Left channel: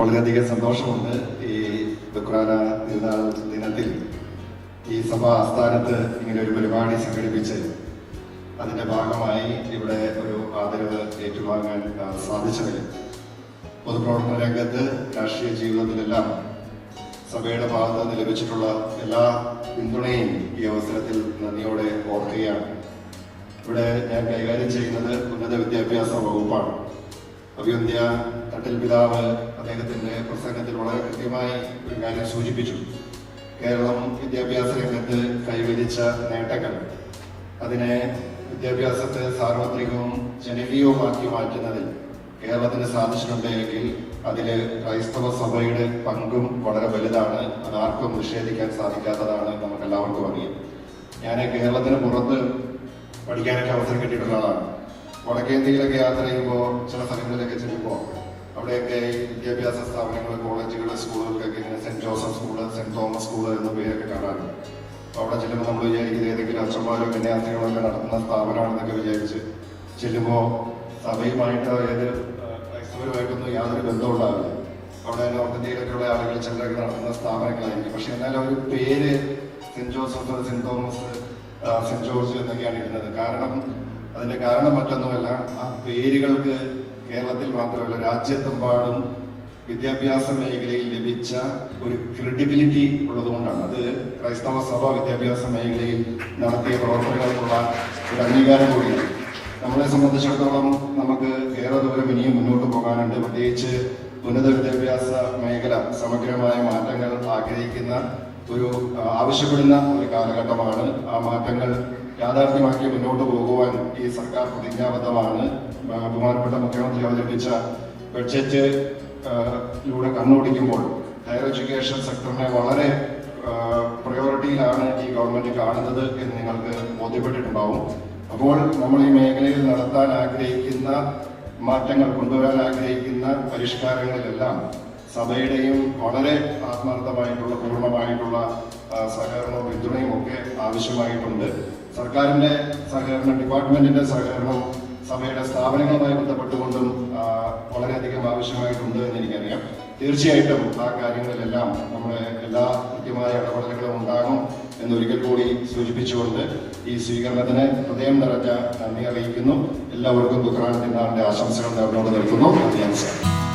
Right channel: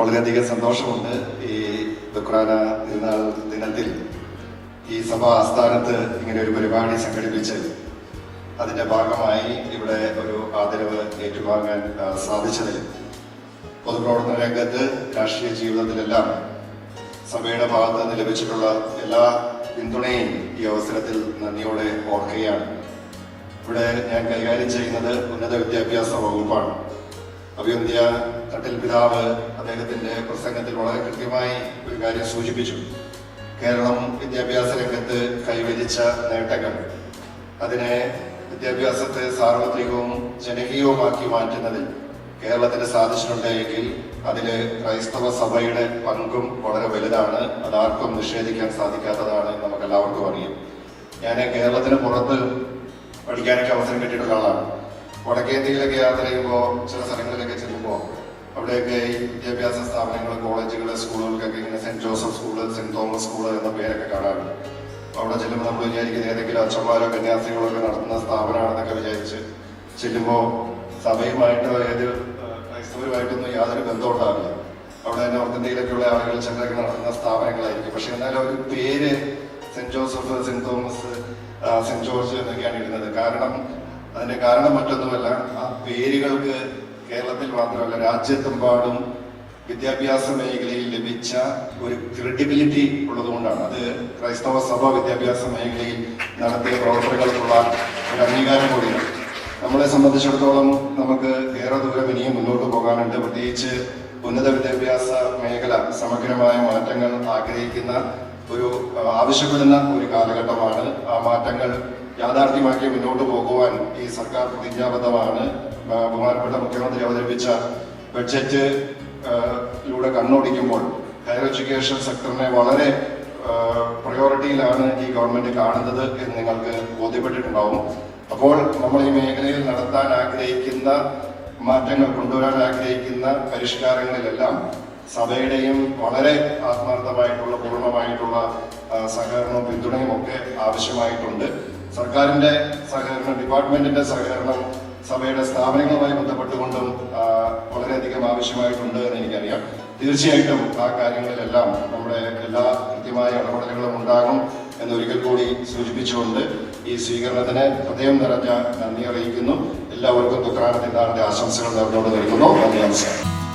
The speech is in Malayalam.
വളരെയധികം സന്തോഷമുണ്ട് ഈ ദുഃഖാന തിരുനാൾ ദിനത്തിൽ ഈ സഭാ ആസ്ഥാനത്ത് ഇങ്ങനെ ഒരു പരിപാടി സംഘടിപ്പിച്ച് അതിന്റെ ഭാഗമായി ഇവിടെ ഒരു ആദരവ് ഏറ്റുവാങ്ങാൻ സാധിച്ചതിൽ പൊതുപ്രവർത്തന രംഗത്ത് രാഷ്ട്രീയ ജീവിതത്തിലെല്ലാം സഭയുടെ ഭാഗത്ത് നിന്ന് ലഭിച്ചിട്ടുള്ള എല്ലാ പിന്തുണയും ഈ അവസരത്തിൽ നന്ദിയോടെ ഓർക്കുകയാണ്. ഇവിടെ ഞാൻ കൈകാര്യം ചെയ്യുന്നത് ഉന്നത വിദ്യാഭ്യാസ വകുപ്പാണ്. അഭിവന്ദ്യ തട്ടിൽ പിതാവ് അദ്ദേഹത്തിന്റെ പ്രസംഗത്തിൽ വളരെ കൃത്യമായി ഒരു കാര്യം സൂചിപ്പിച്ചു. കേരളം വിദ്യാഭ്യാസ രംഗത്ത് കൈവരിച്ച നേട്ടങ്ങൾ, അതിനെ വിദ്യാഭ്യാസത്തെ സാർവത്രികവും ജനകീയവുമാക്കി മാറ്റുന്നതിൽ കേരളത്തിന് സാധിച്ചിട്ടുണ്ടെങ്കിൽ അതില് ക്രൈസ്തവ സഭയുടെ പങ്കും വളരെ വലുതാണ്. അതാർക്കും നിഷേധിക്കാൻ സാധിക്കാത്തതാണ്, നമുക്ക് എല്ലാവർക്കും അറിയാം. ഞാൻ കേരളത്തിന് പുറത്ത് പഠിക്കാനൊക്കെ അവസരം കിട്ടിയിട്ടുള്ള ആളാണ്. വടക്കേന്ത്യയിലൊക്കെ യാത്ര ചെയ്യുമ്പോൾ ചില സ്ഥലങ്ങളിലൊക്കെ ചെല്ലുമ്പോൾ അവിടെയൊക്കെ ഈ വിദ്യാഭ്യാസ സ്ഥാപനങ്ങൾ, കോളേജുകൾ, സ്കൂളുകൾക്കൊക്കെ ഇങ്ങനെ saint Joseph school, saint Thomas school എന്ന പേരൊക്കെ കാണാറുണ്ട്. അവിടെ ചെല്ലുമ്പോൾ നമ്മൾ വിചാരിക്കുന്നത് ഏതെങ്കിലും അച്ഛന്മാരോ കന്യാസ്ത്രീകളോ ഒക്കെ നടത്തുന്ന സ്ഥാപനമാണെന്നൊക്കെ വിചാരിച്ച് ചെല്ലുമ്പോൾ സഭയുമായിട്ട് ക്രൈസ്തവരുമായിട്ടൊന്നും യാതൊരു ബന്ധവും ഉണ്ടാവില്ല. അവിടെ തന്നെ ഓർത്തിന്ത്യയിലൊക്കെയുള്ള ആളുകൾ ചിലരൊക്കെ നടത്തുന്ന സ്ഥാപനങ്ങളായിരിക്കും. പക്ഷെ എന്നാലും ഒരു പേര് saint Joseph, saint Thomas, saint George എന്നൊക്കെയാണ് ഇടുന്നത്. അതിന്റെ കാരണം മറ്റൊന്നുമല്ല, ആ പേരുകൾക്ക് കേരളത്തിൽ മാത്രമല്ല രാജ്യത്തെമ്പാടും വിദ്യാഭ്യാസ മേഖലയിൽ ലഭിച്ച ഒരു ക്രെഡിബിലിറ്റി ഉള്ളതുകൊണ്ടാണ്. അത് ക്രൈസ്തവ സഭ വിദ്യാഭ്യാസ മേഖലയിൽ നടത്തിയ പ്രവർത്തനങ്ങൾക്കുള്ള ഒരു അംഗീകാരം കൂടിയാണ്. നമ്മളെ സംബന്ധിച്ചിടത്തോളം നമുക്ക് ഏറെ ദൂരം ഇനിയും മുന്നോട്ട് പോകാനുണ്ട്. പ്രത്യേകിച്ച് ഉന്നത വിദ്യാഭ്യാസ മേഖല സമഗ്രമായ മാറ്റങ്ങൾ ആവശ്യപ്പെടുന്ന ഒരു കാലഘട്ടമാണ്. ആ മാറ്റങ്ങൾ യാഥാർത്ഥ്യമാക്കി മുന്നോട്ട് പോകുവാൻ ഈ സർക്കാർ പ്രതിജ്ഞാബദ്ധമാണ്. ബഹുമാനപ്പെട്ട മുഖ്യമന്ത്രി അവതരിപ്പിച്ച ബഡ്ജറ്റിലൂടെ കണ്ണോടിക്കുമ്പോൾ ഹയർ എഡ്യൂക്കേഷൻ സെക്ടറിനെ വളരെ പ്രയോറിറ്റിയിലാണ് ഈ ഗവൺമെന്റ് കാണുന്നത് എന്ന് നിങ്ങൾക്ക് ബോധ്യപ്പെട്ടിട്ടുണ്ടാവും. അപ്പോൾ നമ്മൾ ഈ മേഖലയിൽ നടത്താൻ ആഗ്രഹിക്കുന്ന മാറ്റങ്ങൾ, കൊണ്ടുവരാൻ ആഗ്രഹിക്കുന്ന പരിഷ്കാരങ്ങളിലെല്ലാം സഭയുടെയും വളരെ ആത്മാർത്ഥമായിട്ടുള്ള പൂർണ്ണമായിട്ടുള്ള സഹകരണവും പിന്തുണയും ഒക്കെ ആവശ്യമായിട്ടുണ്ട്. സർക്കാരിന്റെ സഹകരണം, ഡിപ്പാർട്ട്മെന്റിന്റെ സഹകരണം സഭയുടെ സ്ഥാപനങ്ങളുമായി ബന്ധപ്പെട്ടുകൊണ്ടും വളരെയധികം ആവശ്യമായിട്ടുണ്ട് എന്ന് എനിക്കറിയാം. തീർച്ചയായിട്ടും ആ കാര്യങ്ങളിലെല്ലാം നമ്മുടെ എല്ലാ കൃത്യമായ ഇടപെടലുകളും ഉണ്ടാകും എന്നൊരിക്കൽ കൂടി സൂചിപ്പിച്ചുകൊണ്ട് ഈ സ്വീകരണത്തിന് ഹൃദയം നിറഞ്ഞ നന്ദി അറിയിക്കുന്നു. എല്ലാവർക്കും ദുഃഖാന തിരുനാളിന്റെ ആശംസകൾ നേർന്നുകൊണ്ട് നിൽക്കുന്നു. നന്ദി, നമസ്കാരം.